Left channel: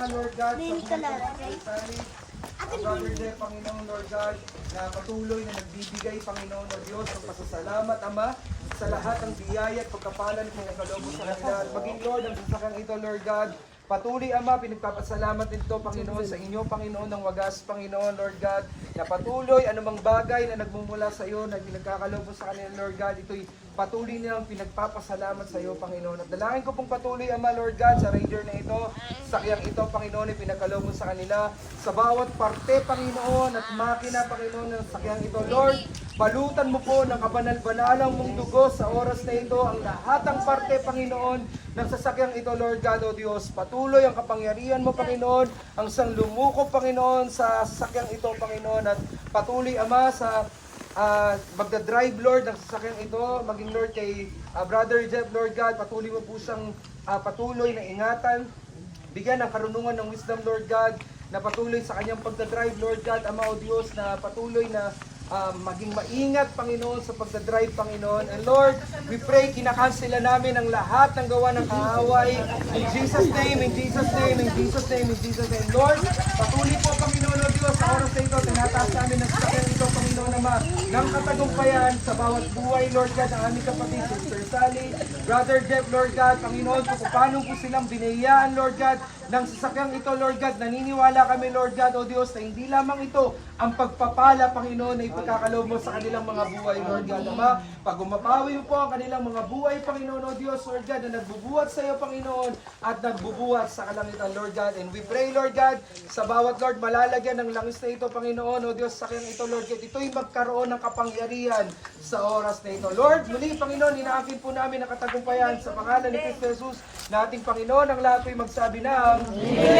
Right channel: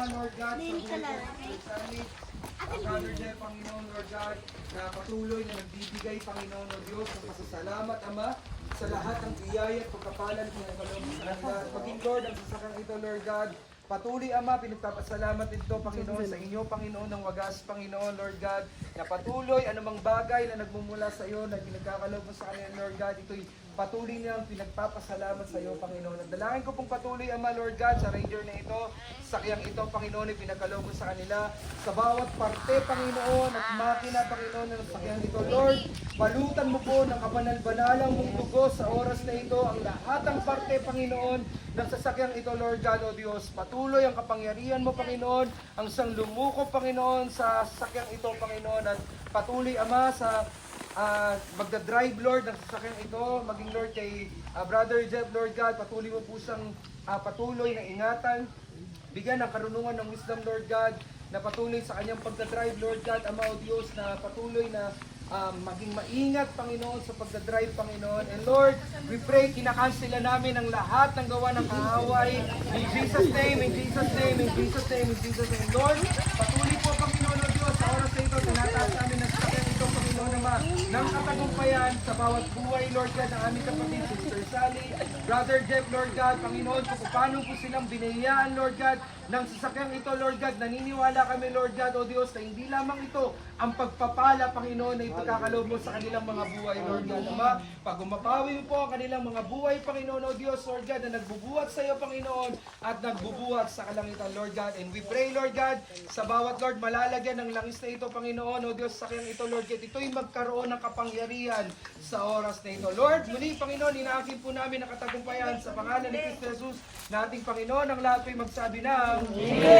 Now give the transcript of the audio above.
Ama, Lord God, sa buhay ng Sally, Brother Jeff, Panginoon, Lord God, na patuloy na nagbibigay, Panginoon o Diyos, ng pasasalamat, Ama, sa lahat ng biyaya at pagkapalan ng nagkaloob sa kanila. At maging, Lord, ang sasakang ito, Lord God, patuloy, Ama, pinagpapasalamat ito, Panginoon, sa inyo, Panginoon, ng wagas, Panginoon, Lord God, na patuloy, anumang bagay na nagmumula sa iyo, na pinagkakaloob sa kanila, Lord God, ito'y patuloy nilang pinagpapasalamat sa iyo, Panginoon. At dalangin ko pong patuloy, Ama, Lord God, sa ranger na ito, sakyang ito, Panginoon, ay pinagkaloob sa kanila, sa bawat parte, Panginoon, at makina, Panginoon, ng sakyang ito, Lord, balutan mo po ng kabanal-banalang mong dugo sa oras na ito, ang lahat ng parte, Panginoon, ng sasakyang ito, Lord God, O Diyos. Patuloy ang kapangyarihan mo, Panginoon, ang siyang lumuko, Panginoon, sa sasakyang ito, Panginoon, at patuloy, Ama, sa magdadrive, Lord, ng sasakyan ito, maging, Lord, kay Brother Jeff, Lord God, patuloy mo po siyang patuloy na ingatan, bigyan ng karunungan ng wisdom, Lord God, na patuloy sa kanyang pagdadrive, Lord God, Ama o Diyos, na patuloy na maging maingat, Panginoon, sa pagdadrive, Panginoon. And Lord, we pray, kinakansela namin ang lahat ng gawa ng kaaway. In Jesus' name, in Jesus' name, in Jesus' name, in Jesus' name. Lord, patuloy po, Panginoon o Diyos, sa oras na ito, tinataas namin ang sakyan ito, Panginoon Ama, ng katagumpayan sa bawat buhay, Lord God, ang aming kapatid, Sister Sally, Brother Jeff, Lord God, Panginoon, kung paano po silang binayaan, Lord God, ng sasakyang ito, Lord God, naniniwala kami, Lord God, O Diyos, na hindi lamang ito ang pagpapala, Panginoon, na ipagkakaloob mo sa kanilang mga buhay, Lord God, Ama. Pag umapawi mo po ang kanilang mga buhay, Panginoon, O Diyos, Lord God, na nagbubuhat sa iyo, Panginoon, at nagbubuhat sa kalangitan, Lord God. And we pray, Lord God, sa bawat, Lord, malalagyan ng langis na ito, Panginoon, O Diyos, sa kanyang ito, Lord God, ito'y magkaroon ng kapangyarihan sa oras na ito. Lord, muli, Panginoon, inaakin po namin ang katagumpayan sa pangalan ni Kristo Jesus, na ating Panginoon, ang lahat ay magsabi na, Amen!